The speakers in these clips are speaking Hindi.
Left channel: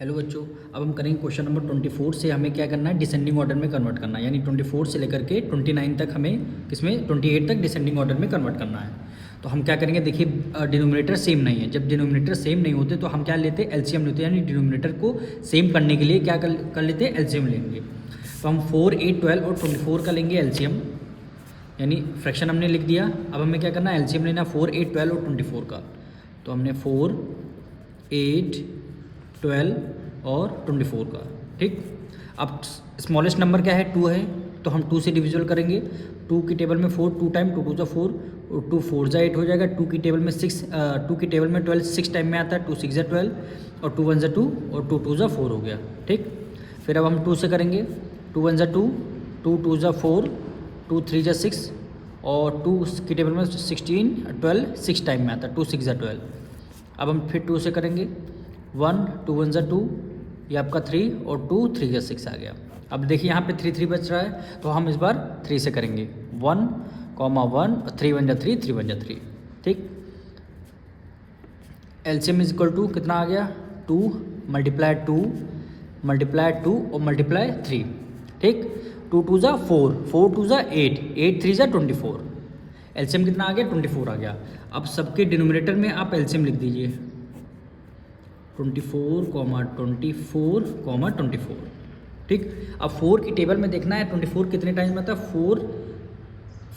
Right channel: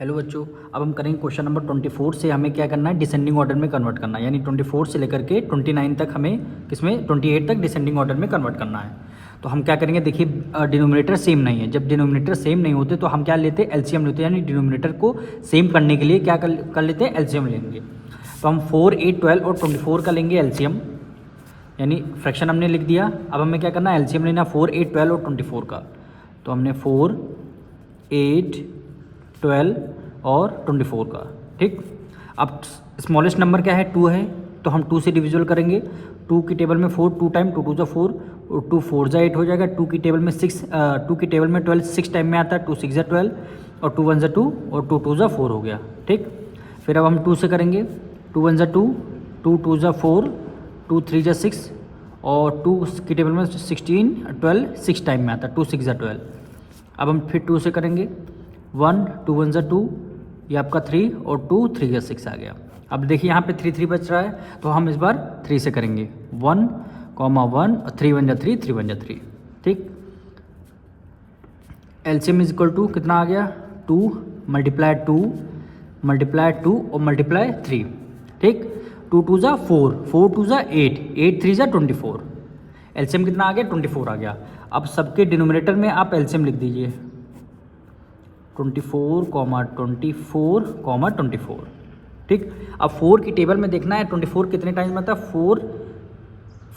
हेलो बच्चों, अब हम करेंगे क्वेश्चन नंबर 24 से हमें क्या करना है, डिसेंडिंग ऑर्डर में कन्वर्ट करना है। यानी 24 से लेकर के 29 तक हमें किसमें 28 तक डिसेंडिंग ऑर्डर में कन्वर्ट करना है। तो हम क्या करेंगे, देखिए डिनोमिनेटर सेम नहीं है। जब डिनोमिनेटर सेम नहीं होते तो हम क्या लेते हैं, एलसीएम लेते हैं। यानी डिनोमिनेटर को सेम करने के लिए क्या कर लेते हैं, एलसीएम लेंगे। तो हम 4, 8, 12 और 24 का लेंगे एलसीएम, यानी फ्रैक्शन हमने लिख दिया। अब हमें क्या करना है, एलसीएम लेना 4, 8, 12 और 24 का। तो हमने 4, 8, 12 और 24 का, ठीक। अब स्मॉलेस्ट नंबर क्या है, 2 है, तो हम 2 से डिविजल करेंगे। 2 की टेबल में 4, 2 टाइम 2 2 जा 4 और 2 4 जा 8 हो जाएगा। 2 की टेबल में 6, 2 की टेबल में 12 6 टाइम में आता है। 2 6 जा 12 और 2 1 जा 2 और 2 2 जा 4 हो गया, ठीक। फिर अब हम 2 से करेंगे। 2 1 जा 2, 2 2 जा 4, 2 3 जा 6 और 2 की टेबल में 16 12 6 टाइम में आता है। 2 6 जा 12। अब हम फिर 2 से करेंगे। 1 2 1 जा 2, ये आपका 3 और 2 3 या 6 आ गया। अब देखिए यहाँ पे 3 3 बच रहा है, तो हम इस बार 3 से करेंगे। 1 1 3 1 जा 3 3 1 जा 3, ठीक। एलसीएम इज इक्वल टू कितना आ गया, 2 मल्टीप्लाई 2 और मल्टीप्लाई 3, ठीक। 2 2 जा 4, 4 2 जा 8, 8 3 जा 24। एलसीएम कितना आ गया, 24 आ गया। अब सबके डिनोमिनेटर में आप एलसीएम लिख दीजिए, 24, 24, ठीक। अब 4 की टेबल में देखना है 24 कितने टाइम में आता है। 4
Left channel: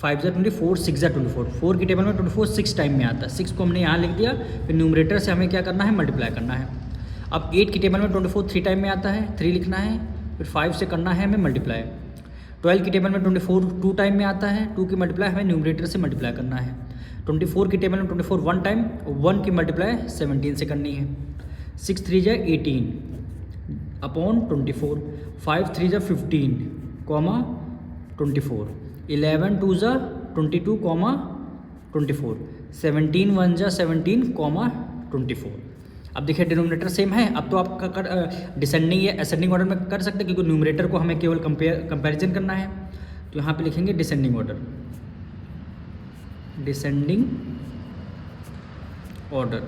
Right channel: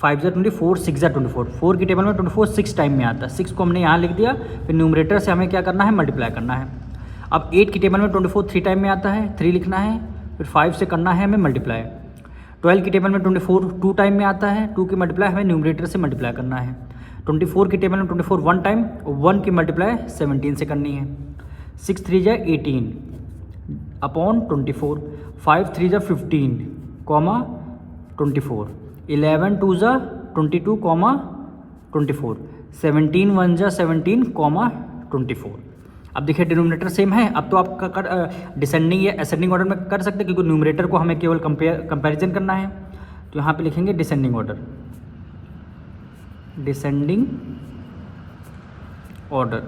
5 जा 24, 6 जा 24। 4 की टेबल में 24 6 टाइम में आता है। 6 को हमने यहाँ लिख दिया। फिर न्यूमरेटर से हमें क्या करना है, मल्टीप्लाई करना है। अब 8 की टेबल में 24 3 टाइम में आता है, 3 लिखना है। फिर 5 से करना है हमें मल्टीप्लाई। 12 की टेबल में 24 2 टाइम में आता है, 2 की मल्टीप्लाई हमें न्यूमरेटर से मल्टीप्लाई करना है। 24 की टेबल में 24 1 टाइम, 1 की मल्टीप्लाई 17 से करनी है। 6 3 जा 18 अपॉन 24, 5 3 जा 15 कॉमा 24, 11 2 जा 22 कॉमा 24, 17 1 जा 17 कॉमा 24। अब देखिए डिनोमिनेटर सेम है। अब तो आप डिसेंडिंग या असेंडिंग ऑर्डर में कर सकते हैं, क्योंकि न्यूमरेटर को हमें केवल कंपैरिजन करना है। तो यहाँ पे लिखेंगे descending order, descending order.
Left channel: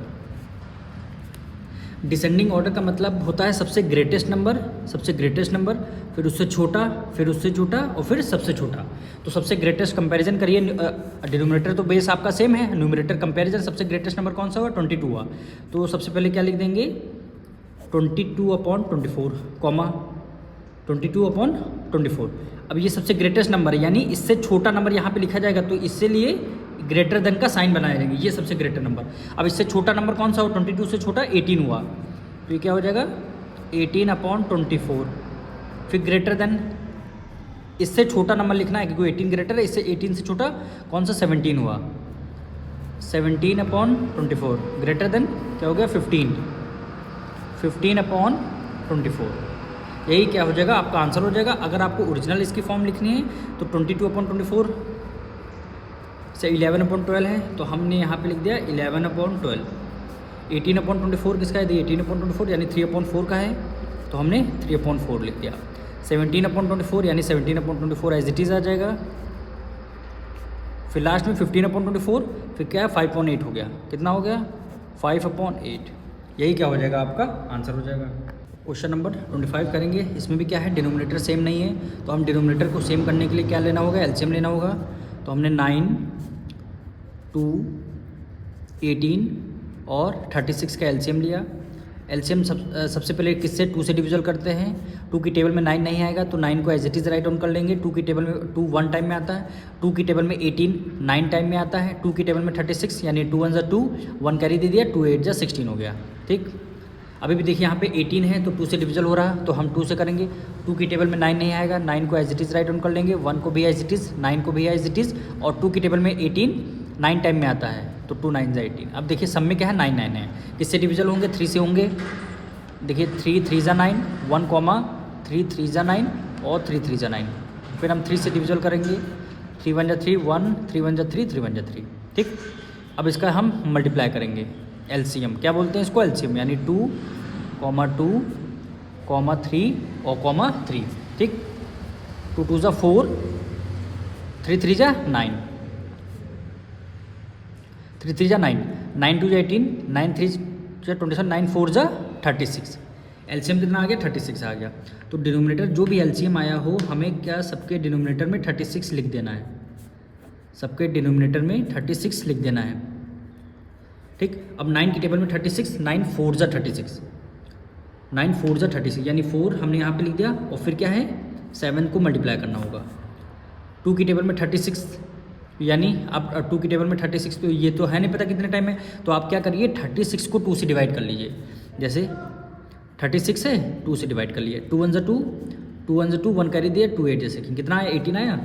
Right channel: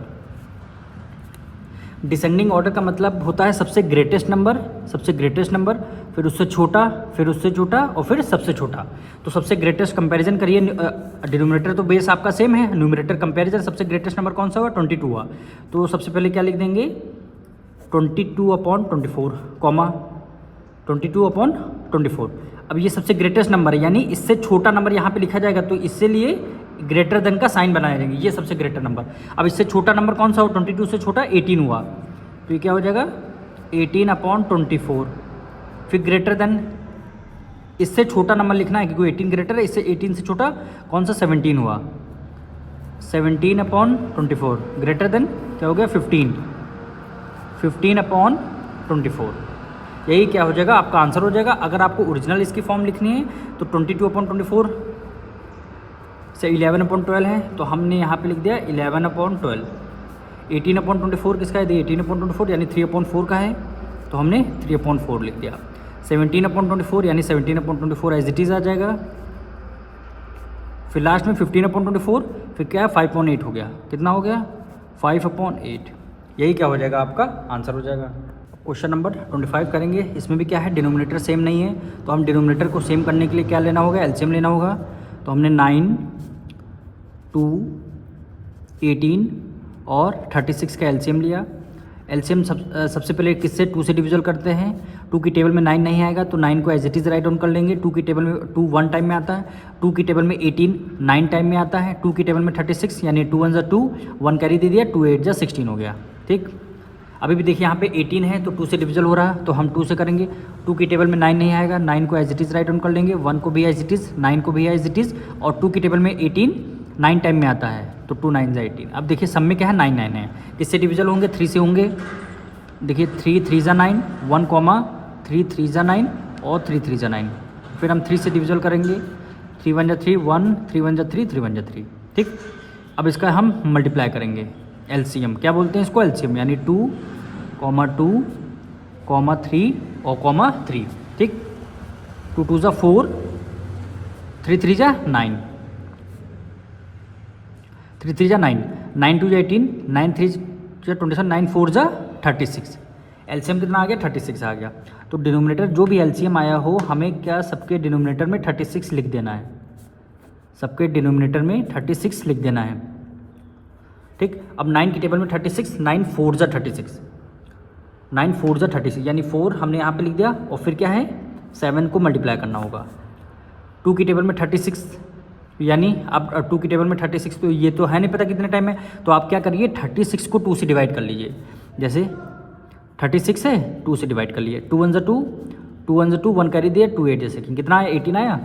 Descending order का मतलब होता है सबसे ग्रेटेस्ट नंबर, फिर उससे छोटा, फिर उससे छोटा और फिर सबसे छोटा। तो सबसे ग्रेटेस्ट कंपैरिजन करिए। डिनोमिनेटर तो बेस आपका सेम है, न्यूमरेटर कंपैरिजन सबसे ग्रेटेस्ट नंबर कौन सा हुआ, 22 हुआ। तो सबसे पहले क्या लिख देंगे, 22 अपॉन 24 कॉमा 22 अपॉन 24। अब ये सबसे ग्रेटेस्ट नंबर है, यानी इससे छोटा नंबर यहाँ पे लिखा जाएगा, तो इससे लिए ग्रेटर देन का साइन बनाया जाएगा। ये सबसे ग्रेटर नंबर। अब इससे छोटा नंबर कौन सा हो, 22 से छोटा 18 हुआ, तो ये क्या हो जाएगा 18 अपॉन 24। फिर ग्रेटर देन, इससे छोटा नंबर लिखना है क्योंकि 18 ग्रेटर है, इससे 18 से छोटा कौन सा 17 हुआ, 17 अपॉन 24। ग्रेटर देन क्या हो गया 15, 15 अपॉन 24। यही क्या हो जाएगा, आपका आंसर हो जाएगा। अगर आपको ओरिजिनल इसकी फॉर्म लिखनी है तो 22 अपॉन 24 से 11 अपॉन 12 है, तो हमने यहाँ पे लिख दिया 11 अपॉन 12। 18 अपॉन 24 किसका है, 18 अपॉन 24 यानी 3 अपॉन 4 का है, तो हमने 3 अपॉन 4 लिख दिया। 17 अपॉन 24 यानी 17 अपॉन 24 एज इट इज़ आ जाएगा। फिर लास्ट में 15 अपॉन 24, फिर क्या है 5 अपॉन 8 हो गया। कितना हो गया 5 अपॉन 8। यही क्या हो जाएगा, आपका आंसर हो जाएगा। क्वेश्चन नंबर 25 करेंगे। इसमें भी क्या है, डिनोमिनेटर सेम नहीं है, तो हम डिनोमिनेटर को सेम करने के लिए क्या लेना होगा, एलसीएम लेना होगा। तो हमने 9 2 18 और 36 का एलसीएम लिया। एलसीएम सबसे पहले किससे 2 से डिविजल करते हैं। 2 की टेबल में 9 नहीं आएगा, तो 9 को as it is write down कर लेंगे। 2 की टेबल में 2 1 टाइम में आता है। 2 की टेबल में 18 9 टाइम में आता है। 2 की टेबल में 36 यानी 2 1 जा 2, 1 कैरी दे दिया, 2 8 जा 16 हो गया, ठीक। अभी भी देखिए यहाँ पे 18 है, तो 2 से डिविजल हो रहा है, तो हम 2 से करेंगे। 2 की टेबल में 9 नहीं आएगा, 9 को as it is write down कर लेंगे। 1 को भी एज इट इज़, 9 को भी एज इट इज़, और 2 की टेबल में 18 9 टाइम में आता है, तो 2 9 जा 18। अब देखिए सब में क्या है 9 9 है, किससे डिविजल होंगे 3 से होंगे। देखिए 3 3 जा 9, 1 कॉमा 3 3 जा 9 और 3 3 जा 9। फिर हम 3 से डिविजल करेंगे। 3 1 जा 3 1, 3 1 जा 3 3 1 जा 3, ठीक। अब इसका हम मल्टीप्लाई करेंगे, एलसीएम क्या बोलते हैं इसको, एलसीएम, यानी 2 2 3 और 3, ठीक। 2 2 जा 4, 3 3 जा 9, 3 3 जा 9, 9 2 जा 18, 9 3 जा 27, 9 4 जा 36। एलसीएम कितना आ गया 36 आ गया। तो डिनोमिनेटर जो भी एलसीएम आया हो हमें क्या सबके डिनोमिनेटर में 36 लिख देना है, सबके डिनोमिनेटर में 36 लिख देना है। ठीक, अब 9 की टेबल में 36, 9 4 जा 36, 9 4 जा 36 यानी 4 हमने यहाँ पे लिख दिया और फिर क्या है 7 को मल्टीप्लाई करना होगा। 2 की टेबल में 36 यानी अब 2 की टेबल में 36 तो ये तो है नहीं पता कितने टाइम में, तो आप क्या करिए 36 को 2 से डिवाइड कर लीजिए। जैसे 36 है 2 से डिवाइड कर लिए, 2 1 जा 2, 2 1 जा 2, 1 कैरी दिया 2 8 जैसे कि कितना है 18 आया।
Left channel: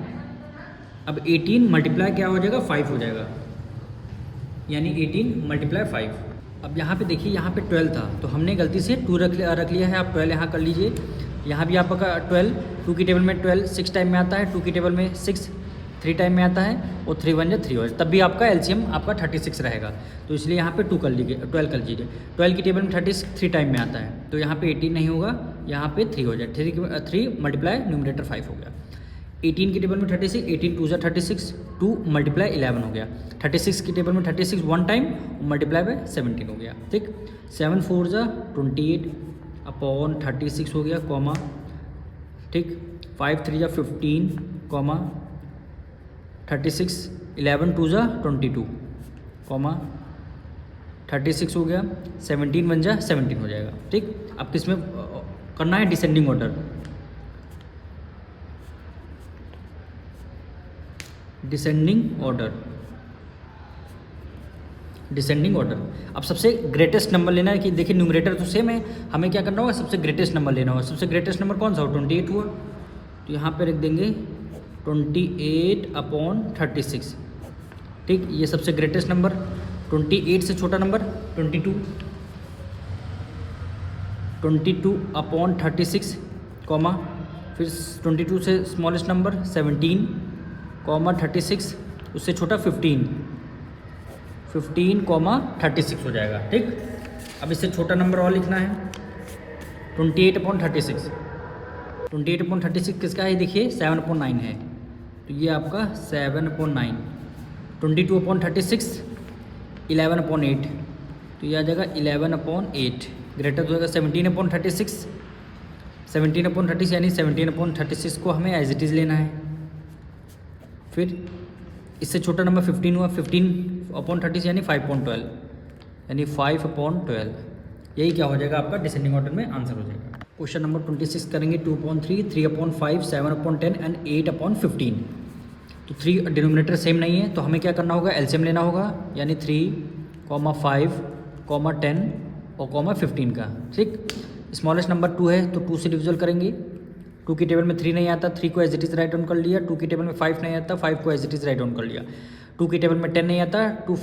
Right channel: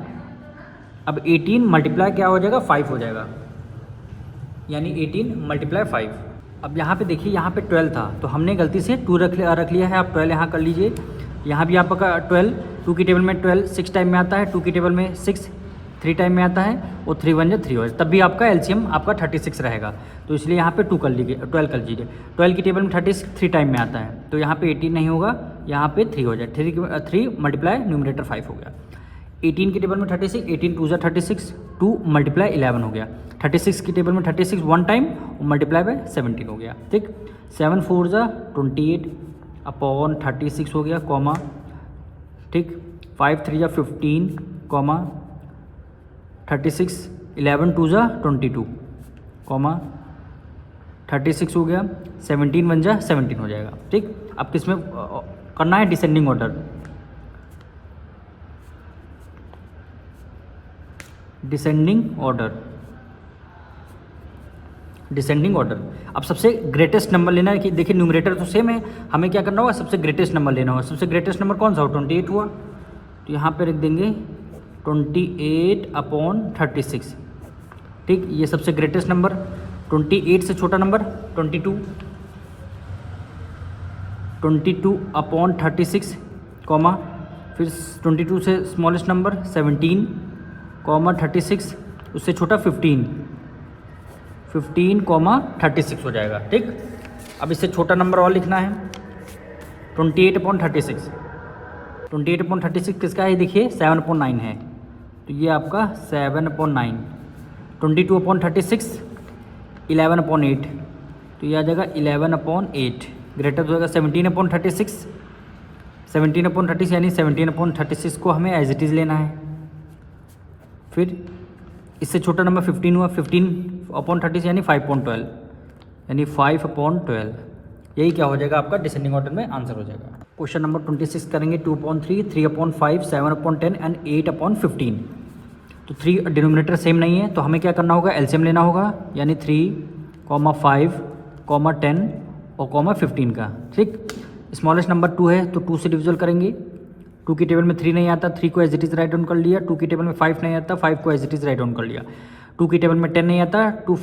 अब 18 मल्टीप्लाई क्या हो जाएगा 5 हो जाएगा, यानी 18 मल्टीप्लाई 5। अब यहाँ पे देखिए यहाँ पे 12 था तो हमने गलती से 2 रख लिया है, आप 12 यहाँ कर लीजिए। यहाँ भी आपका 12, 2 की टेबल में 12 6 टाइम में आता है, 2 की टेबल में 6 3 टाइम में आता है और 3 1 जा 3 हो, तब भी आपका एलसीएम आपका 36 रहेगा। तो इसलिए यहाँ पे 2 कर लीजिए, 12 कर लीजिए। 12 की टेबल में 36 3 टाइम में आता है तो यहाँ पे 18 नहीं होगा, यहाँ पे 3 हो जाए, 3 मल्टीप्लाई न्यूमरेटर 5 हो गया। 18 की टेबल में 36, 18 2 जा 36, 2 मल्टीप्लाई 11 हो गया। 36 की टेबल में 36 1 टाइम मल्टीप्लाई बाय 17 हो गया। ठीक, 7 4 जा 28 अपॉन 36 हो गया कॉमा। ठीक, 5 3 जा 15 कॉमा 36, 11 2 जा 22 कॉमा 36 हो गया, 17 1 जा 17 हो जाएगा। ठीक, अब किसमें करना है descending order, descending order, descending order. अब सबसे ग्रेटेस्ट नंबर लेना है कि देखिए न्यूमरेटर तो सेम है, हमें क्या करना होगा सबसे ग्रेटेस्ट नंबर लेना होगा। सबसे ग्रेटेस्ट नंबर कौन सा हो 28 हुआ, तो यहाँ पे रख देंगे 28 अपॉन 36। ठीक, ये सबसे ग्रेटेस्ट नंबर। 28 से छोटा नंबर 22, 22 अपॉन 36 कॉमा, फिर 22 से स्मॉलेस्ट नंबर 17 कॉमा 36, उससे छोटा 15 कॉमा 36 हो जाएगा। ठीक, अब इससे छोटा नंबर और लिखना है 28 अपॉन 36। 28 अपॉन 36 किसका है देखिए 7 अपॉन 9 है, तो ये आपका 7 अपॉन 9। 22 अपॉन 36 11 अपॉन 8, तो ये आ जाएगा 11 अपॉन 8। ग्रेटर हो जाएगा 17 अपॉन 36, 17 अपॉन 36 यानी 17 अपॉन 36 को हमें एज इट इज़ लेना है। फिर इससे छोटा नंबर 15 हुआ, 15 अपॉन 30 यानी 5 अपॉन 12, यानी 5 अपॉन 12। यही क्या हो जाएगा आपका डिसेंडिंग ऑर्डर में आंसर हो जाएगा। क्वेश्चन नंबर 26 करेंगे 2 upon 3, 3 upon 5, 7 upon 10 and 8 upon 15। तो 3 डिनोमिनेटर सेम नहीं है तो हमें क्या करना होगा एलसीएम लेना होगा, यानी 3, 5, 10 और 15 का। ठीक, स्मॉलेस्ट नंबर 2 है तो 2 से डिविजल करेंगे। 2 की टेबल में 3 नहीं आता, 3 को as it is write down कर लिया। 2 की टेबल में 5 नहीं आता, 5 को as it is write down कर लिया। 2 की टेबल में 10 नहीं आता, 2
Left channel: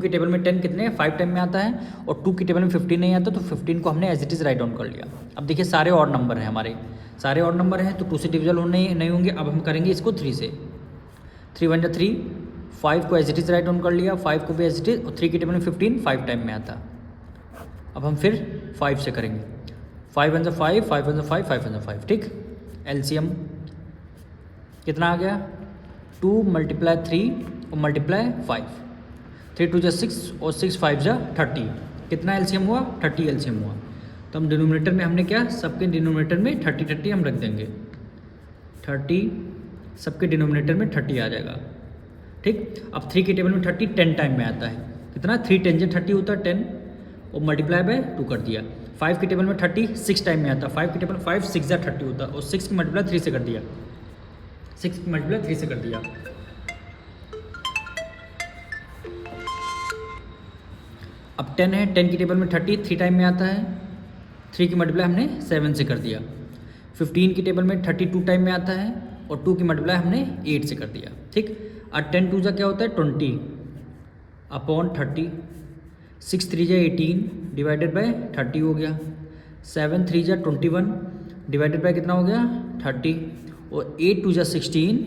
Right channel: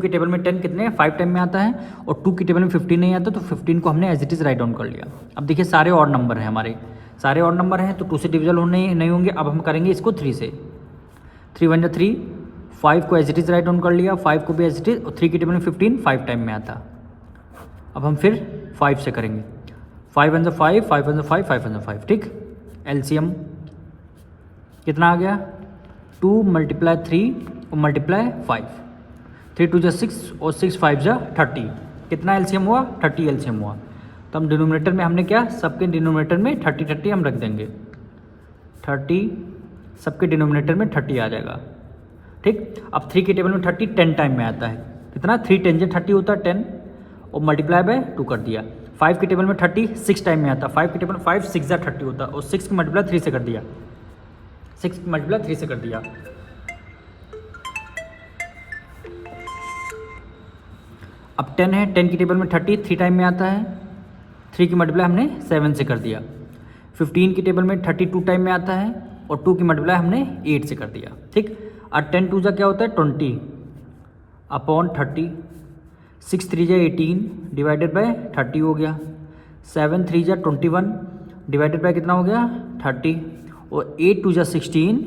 की टेबल में 10 कितने 5 टाइम में आता है, और 2 की टेबल में 15 नहीं आता तो 15 को हमने as it is write down कर लिया। अब देखिए सारे और नंबर हैं हमारे, सारे और नंबर हैं तो 2 से डिविजल होने नहीं होंगे। अब हम करेंगे इसको 3 से। 3 1 जा 3, 5 को as it is write down कर लिया, 5 को भी एज इट इज़, और 3 की टेबल में 15 5 टाइम में आता। अब हम फिर 5 से करेंगे। 5 1 जा 5, 5 1 जा 5, 5 1 जा 5। ठीक, एलसीएम कितना आ गया 2 मल्टीप्लाई 3 और मल्टीप्लाई 5, 3 2 जा 6 और 6 5 जा 30। कितना एलसीएम हुआ 30 एलसीएम हुआ। तो हम डिनोमिनेटर में हमने क्या सबके डिनोमिनेटर में 30 हम रख देंगे, 30 सबके डिनोमिनेटर में 30 आ जाएगा। ठीक, अब 3 की टेबल में 30 10 टाइम में आता है, कितना 3 10 जा 30 होता है 10 और मल्टीप्लाई बाय 2 कर दिया। 5 की टेबल में 30 6 टाइम में आता है, 5 की टेबल में 5 6 जा 30 होता है और 6 की मल्टीप्लाई 3 से कर दिया, 6 की मल्टीप्लाई 3 से कर दिया। अब 10 है, 10 की टेबल में 30 3 टाइम में आता है, 3 की मल्टीप्लाई हमने 7 से कर दिया। 15 की टेबल में 32 टाइम में आता है और 2 की मल्टीप्लाई हमने 8 से कर दिया। ठीक, और 10 2 जा क्या होता है 20 अपॉन 30, 6 3 जा 18 डिवाइडेड बाय 30 हो गया, 7 3 जा 21 डिवाइडेड बाय कितना हो गया 30, और 8 2 जा 16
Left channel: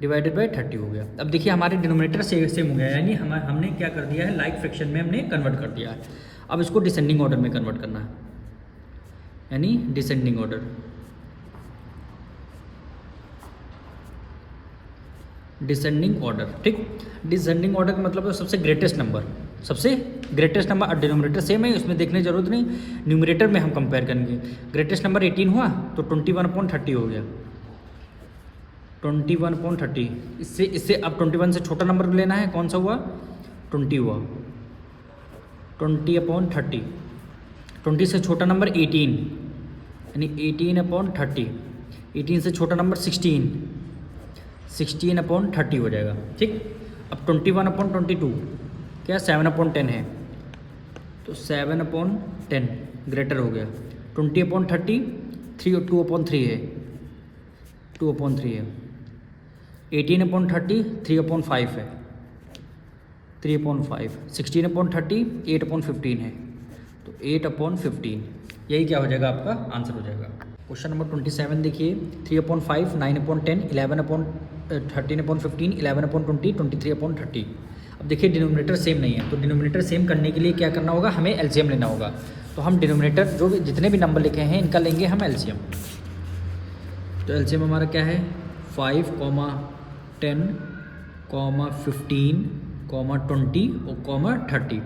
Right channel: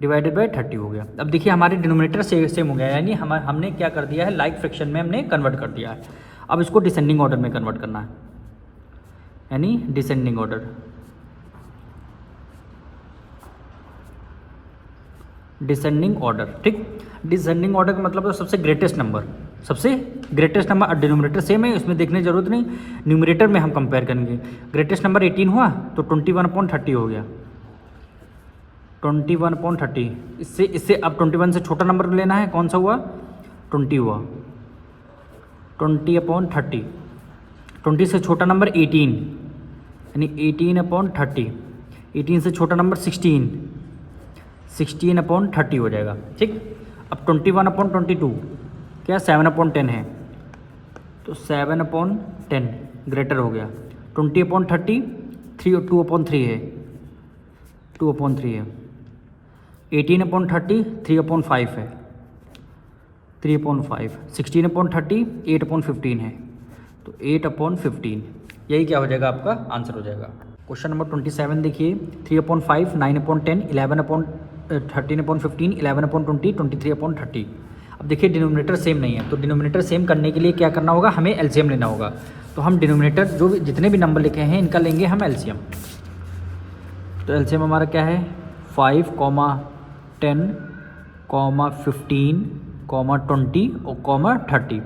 डिवाइडेड बाय 30 हो गया। अब देखिए हमारे डिनोमिनेटर सेम हो गया, यानी हमने क्या कर दिया है लाइक फ्रैक्शन में हमने कन्वर्ट कर दिया है। अब इसको डिसेंडिंग ऑर्डर में कन्वर्ट करना है, यानी डिसेंडिंग ऑर्डर, डिसेंडिंग ऑर्डर। ठीक, डिसेंडिंग ऑर्डर का मतलब है सबसे ग्रेटेस्ट नंबर, सबसे ग्रेटेस्ट नंबर, डिनोमिनेटर सेम है, इसमें देखने की जरूरत नहीं, न्यूमरेटर में हम कंपेयर करेंगे। ग्रेटेस्ट नंबर 18 हुआ तो 21/30 हो गया, 21/30। इससे अब 21 से छोटा नंबर लेना है, कौन सा हुआ, 20 हुआ, 20/30। 20 से छोटा नंबर 18, यानी 18/30। 18 से छोटा नंबर 16, 16/30 हो जाएगा, ठीक। अब 21/22 क्या 7/10 है, तो 7/10 ग्रेटर हो गया। 20/30 2/3 है, 2/3 है। 18/30 3/5 है, 3/5। 16/30 8/15 है, तो 8/15। यही क्या हो जाएगा, आपका आंसर हो जाएगा। क्वेश्चन नंबर 27 देखिए, 3/5 9/10 13/15 11/20 23/30। अब देखिए डिनोमिनेटर सेम नहीं है, तो डिनोमिनेटर सेम करने के लिए क्या करना होगा, हमें एलसीएम लेना होगा। तो हम डिनोमिनेटर जो जितने भी नंबर लिखे हैं इनका लेंगे हम एलसीएम। तो एलसीएम हमारा क्या है, 5, 10, 15, 20 और 30।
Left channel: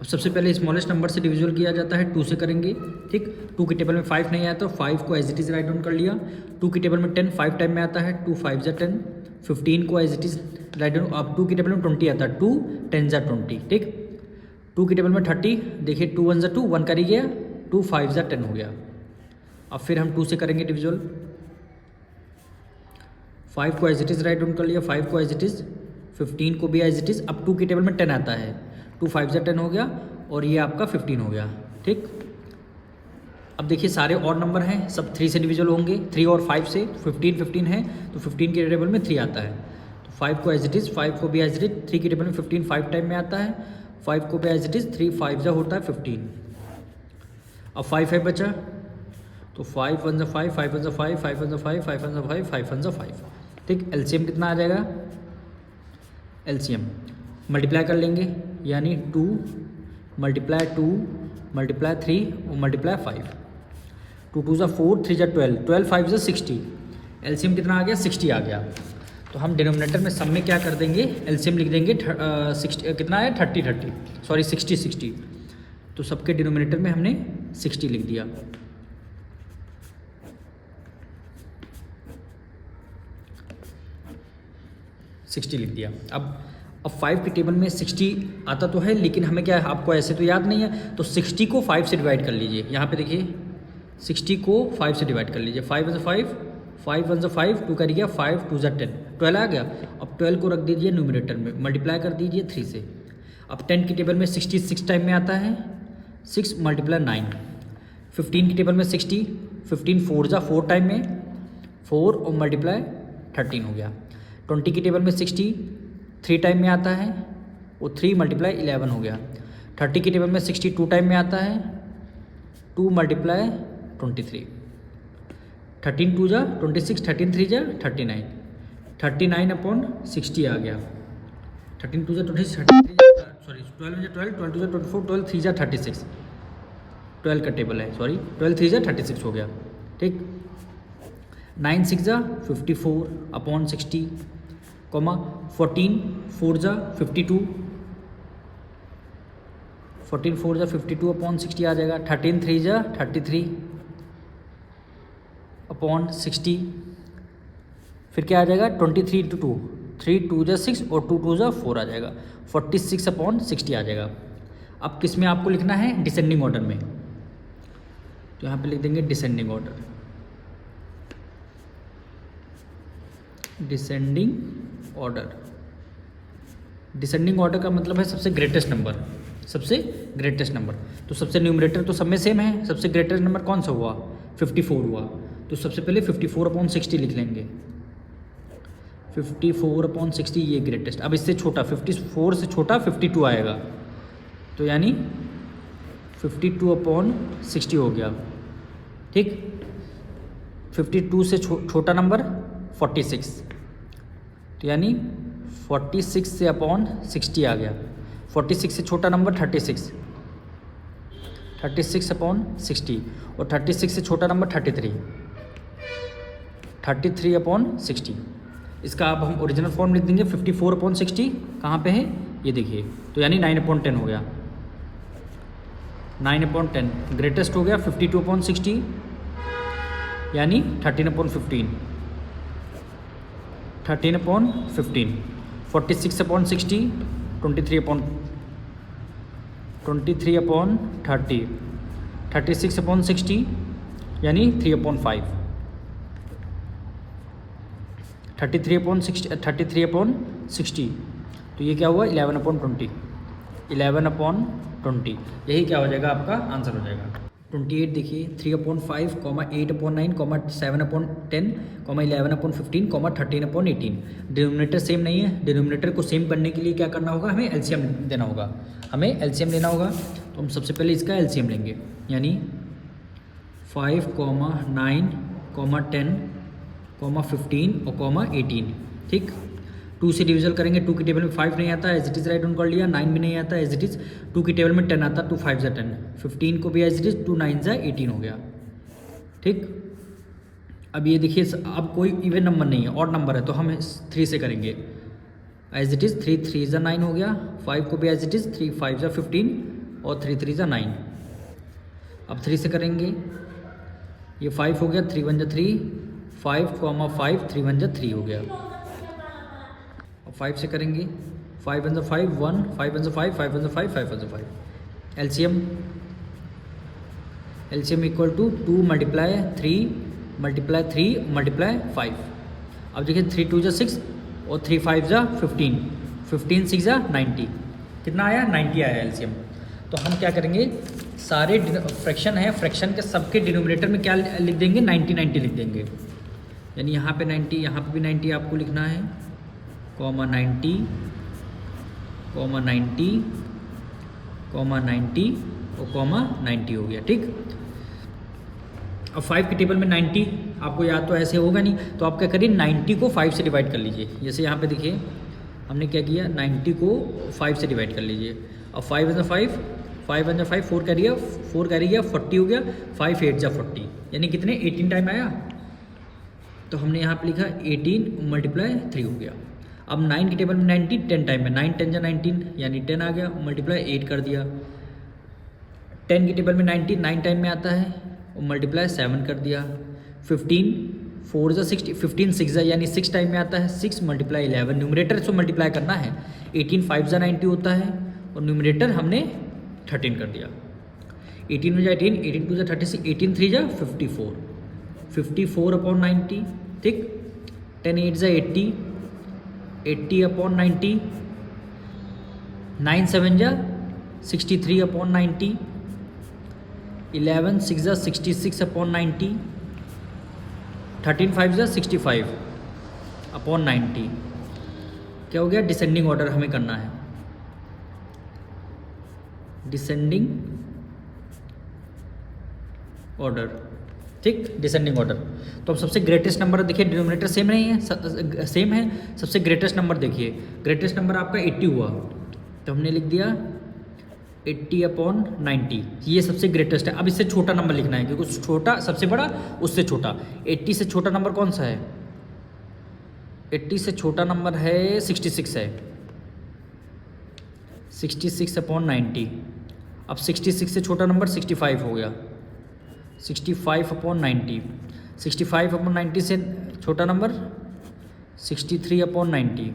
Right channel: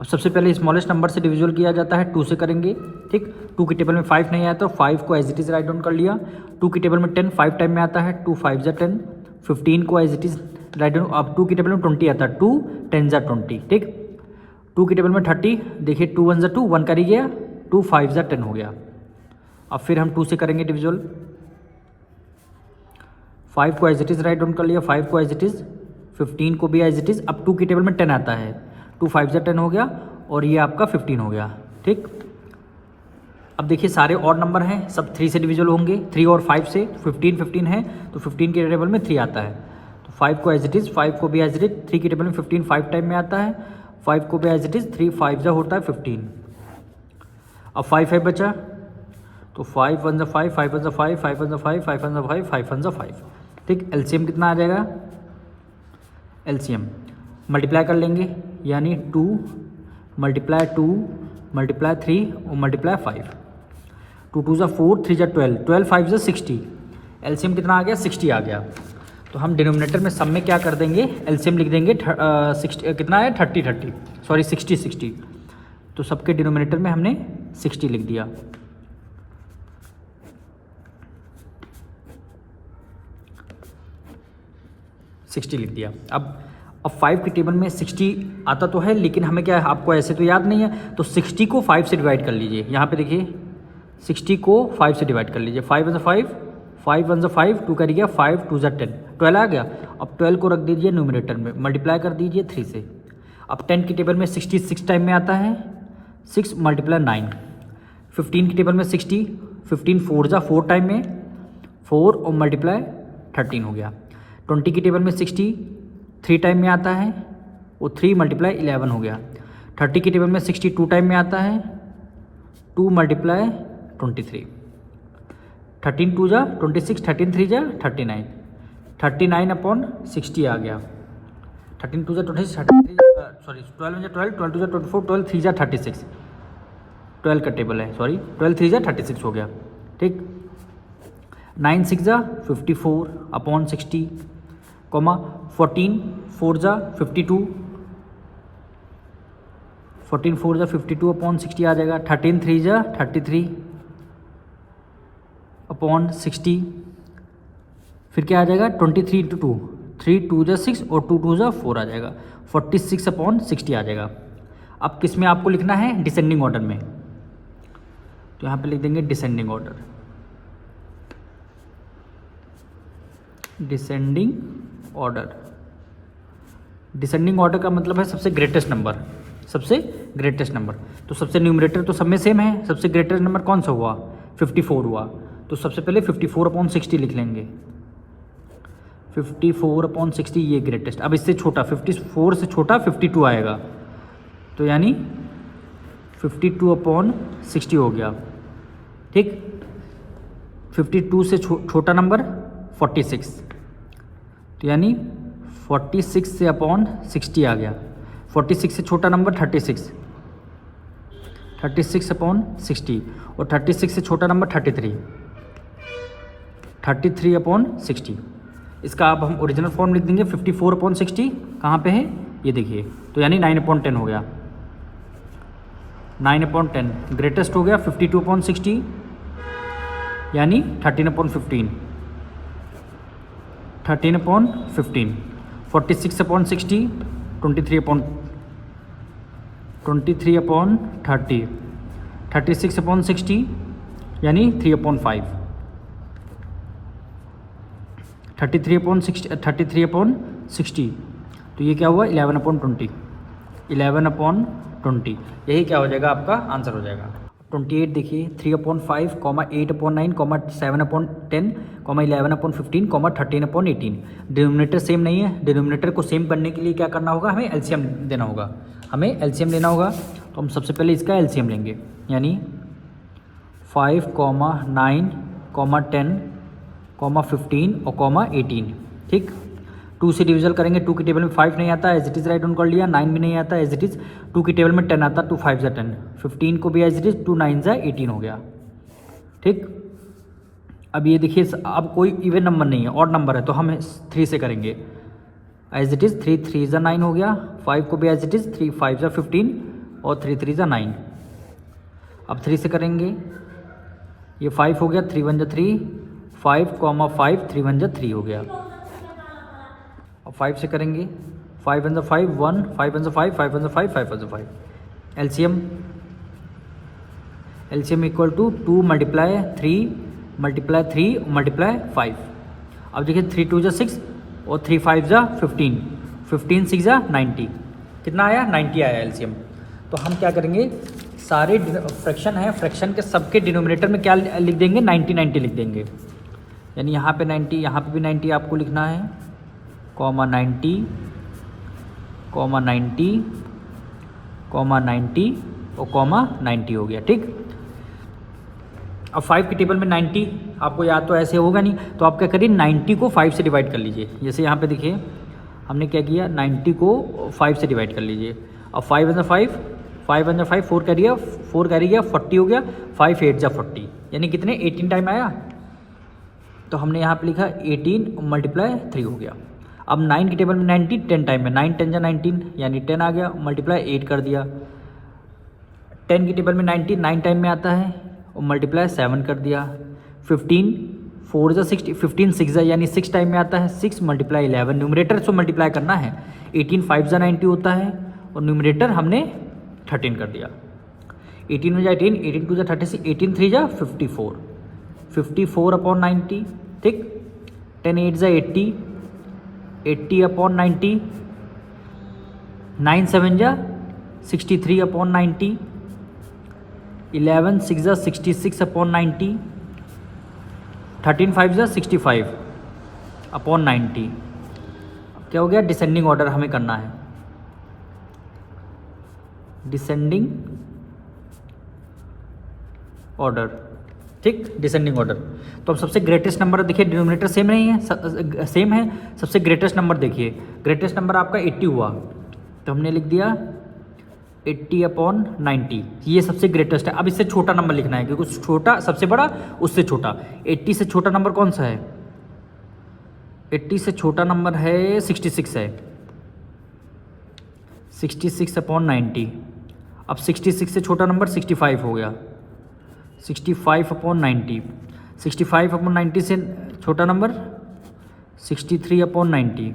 अब सबसे पहले स्मॉलेस्ट नंबर से डिविजुअल किया जाता है, 2 से करेंगे, ठीक। 2 की टेबल में 5 नहीं आया तो 5 को as it is write down कर लिया। 2 की टेबल में 10 5 टाइम में आता है, 2 5 जा 10। 15 को as it is write down, अब 2 की टेबल में 20 आता है, 2 10 जा 20, ठीक। 2 की टेबल में 30, देखिए 2 1 जा 2, 1 कर ही गया, 2 5 जा 10 हो गया। अब फिर हम 2 से करेंगे डिविजुअल, 5 को as it is write down कर लिया, 5 को एज इट इज़, 15 को भी एज इट इज़। अब 2 की टेबल में 10 आता है, 2 5 जा 10 हो गया, और ये आपका 15 हो गया, ठीक। अब देखिए सारे और नंबर हैं, सब 3 से डिविजुअल होंगे, 3 और 5 से। 15 है तो 15 की टेबल में 3 आता है, तो 5 को एज इट इज़, 5 को भी एज इट इज़। 3 की टेबल में 15 5 टाइम में आता है, 5 को भी एज इट इज़, 3 5 जा होता है 15। अब 5 है बचा, तो 5 1 जा 5, 5 1 जा 5, 5 1 जा 5, 5 1 जा 5, 5 1 जा 5, ठीक। एलसीएम कितना आ जाएगा, एलसीएम मल्टीप्लाई कर लेंगे, यानी 2 मल्टीप्लाई 2 मल्टीप्लाई 3 और मल्टीप्लाई 5। 2 2 जा 4, 3 जा 12, 12 5 जा 60। एलसीएम कितना आ गया, 60 आ गया। तो हम डिनोमिनेटर में सब में क्या कर देंगे, एलसीएम लिख देंगे 60, कितना है 30 सॉरी 60। तो सबके डिनोमिनेटर में हमने 60 लिख दिया। लिख दिया। अब 5 की टेबल में 60 आता तो है, लेकिन हमें क्या है, आपको ऐसे तो याद नहीं है, तो 60 को 5 से डिवाइड कर लीजिए। यहाँ पे देखिए 60 को 5 से डिवाइड कर लीजिए। 5 1 जा 5, 5 1 जा 5, 2 कर गया 5, 2 जा 10, 12 आ गया। अब 12 को रख दीजिए न्यूमरेटर में, मल्टीप्लाई कर दीजिए 3 से। अब 10 की टेबल में 66 टाइम में आता है, 6 मल्टीप्लाई 9। 15 की टेबल में 60, 15 4 जा 4 टाइम में, 4 और मल्टीप्लाई 13 हो गया। 20 की टेबल में 60 3 टाइम में आता है, वो 3 मल्टीप्लाई 11 हो गया। 30 की टेबल में 60 2 टाइम में आता है, 2 मल्टीप्लाई 23। 13 2 जा 26, 13 3 जा 39, 39/60 आ गया। 13 2 जा 26, 12 जा 12, 12 2 जा 24, 12 3 जा 36, 12 का टेबल है, सॉरी 12 3 जा 36 हो गया, ठीक। 9 6 जा 54/60, 14 4 जा 52, 14 4 जा 52/60 आ जाएगा। 13 3 जा 33/60, फिर क्या आ जाएगा 23 × 2, 3 2 जा 6 और 2 2 जा 4 आ जाएगा, 46/60 आ जाएगा। अब किस में आपको लिखना है, डिसेंडिंग ऑर्डर में, तो यहाँ पे लिख देंगे descending order. Descending order, descending order का मतलब है सबसे ग्रेटेस्ट नंबर, सबसे ग्रेटेस्ट नंबर। तो सबसे न्यूमरेटर तो सब में सेम है, सबसे ग्रेटेस्ट नंबर कौन सा हुआ, 54 हुआ। तो सबसे पहले 54/60 लिख लेंगे, 54/60 ये ग्रेटेस्ट। अब इससे छोटा 54 से छोटा 52 आएगा, तो यानी 52/60 हो गया, ठीक। 52 से छोटा नंबर 46, तो यानी 46 से /60 आ गया। 46 से छोटा नंबर 36, 36/60, और 36 से छोटा नंबर 33, 33/60। इसका अब हम ओरिजिनल फॉर्म लिख देंगे, 54/60 कहाँ पे है, ये देखिए, तो यानी 9/10 हो गया। 9/10 ग्रेटेस्ट हो गया 52/60 यानी 13/15। 13/15 46/60 23/30 36/60 यानी 3/5 33/60 तो ये क्या हुआ 11/20 11/20 यही क्या हो जाएगा आपका आंसर हो जाएगा। 28 देखिए 3/5 8/9 7/10 11/15 13/18 डिनोमिनेटर सेम नहीं है। डिनोमिनेटर को सेम करने के लिए क्या करना होगा, हमें एलसीएम देना होगा। हमें एलसीएम लेना होगा तो हम सबसे पहले इसका एलसीएम लेंगे, यानी 5, 9, 10, 15 और 18। ठीक, 2 से डिविजन करेंगे। 2 की टेबल में 5 नहीं आता, as it is write down कर लिया। 9 भी नहीं आता, एज इट इज़। 2 की टेबल में 10 आता, 2 5 जा 10। 15 को भी एज इट इज़, 2 9 जा 18 हो गया। ठीक, अब ये देखिए, अब कोई इवन नंबर नहीं है, ऑड नंबर है, तो हम 3 से करेंगे। एज इट इज़ 3 3 जा 9 हो गया। 5 को भी एज इट इज़, 3 5 जा 15 और 3 3 जा 9। अब 3 से करेंगे, ये 5 हो गया, 3 1 जा 3, 5, 5 3 1 जा 3 हो गया। अब 5 से करेंगे, 5 1 जा 5 1, 5 1 जा 5, 5 1 जा 5, 5 1 जा 5। LCM equal to 2 × 3 × 5। अब देखिए 3 2 जा 6 और 3 5 जा 15, 15 6 जा 90। कितना आया, 90 आया एलसीएम। तो हम क्या करेंगे, सारे फ्रैक्शन है, फ्रैक्शन के सबके डिनोमिनेटर में क्या लिख देंगे, 90 90 लिख देंगे। यानी यहाँ पे 90, यहाँ पे भी 90 आपको लिखना है, कॉमा 90, कॉमा 90, कॉमा 90 और कॉमा 90 हो गया। ठीक, अब 5 की टेबल में 90 आपको याद तो ऐसे होगा नहीं, तो आप क्या करिए, 90 को 5 से डिवाइड कर लीजिए। जैसे यहाँ पे देखिए हमने क्या किया, 90 को 5 से डिवाइड कर लीजिए। अब 5 1 जा 5, 5 1 जा 5, 4 कैरी गया, 40 हो गया, 5 8 जा 40 यानी कितने 18 टाइम आया। तो हमने यहाँ पे लिखा 18 × 3 हो गया। अब 9 की टेबल में 90 10 टाइम में, 9 10 जा 19 यानी 10 आ गया, मल्टीप्लाई 8 कर दिया। 10 की टेबल में 90 9 टाइम में आता है और मल्टीप्लाई 7 कर दिया। 15 4 जा 60, 15 6 जा यानी 6 टाइम में आता है, 6 × 11 न्यूमरेटर से मल्टीप्लाई करना है। 18 5 जा 90 होता है और न्यूमरेटर हमने 13 कर दिया। 18 में जा 18, 18 2 जा 36, 18 3 जा 54, 54/90। ठीक, 10 8 जा 80, 80/90, 9 7 जा 63/90, 11 6 जा 66/90, 13 5 जा 65/90। क्या हो गया, डिसेंडिंग ऑर्डर हमें करना है, डिसेंडिंग ऑर्डर। ठीक, डिसेंडिंग ऑर्डर। तो अब सबसे ग्रेटेस्ट नंबर देखिए, डिनोमिनेटर सेम नहीं है, सेम है। सबसे ग्रेटेस्ट नंबर देखिए, ग्रेटेस्ट नंबर आपका 80 हुआ, तो हमने लिख दिया 80/90, ये सबसे ग्रेटेस्ट है। अब इससे छोटा नंबर लिखना है, क्योंकि छोटा सबसे बड़ा उससे छोटा। 80 से छोटा नंबर कौन सा है, 80 से छोटा नंबर है 66 है, 66/90। अब 66 से छोटा नंबर 65 हो गया, 65/90। 65/90 से छोटा नंबर 63/90।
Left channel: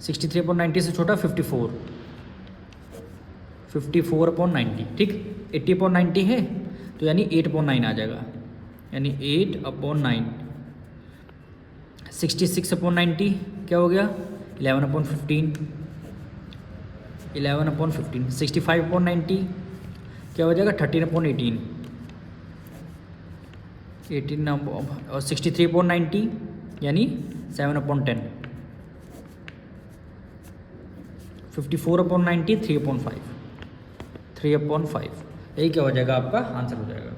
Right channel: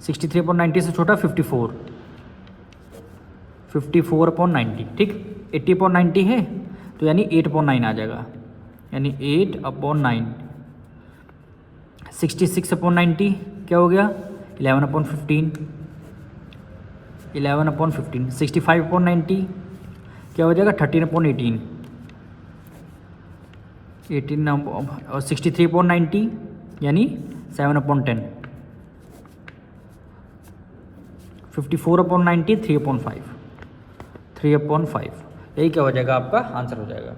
63/90 से छोटा 54, 54/90। ठीक, 80/90 है तो यानी 8/9 आ जाएगा, यानी 8/9। 66/90 क्या हो गया, 11/15, 11/15। 65/90 क्या हो जाएगा, 13/18, 18। और 63/90 यानी 7/10। 54/90 3/5, 3/5। यही क्या हो जाएगा, आपका आंसर हो जाएगा।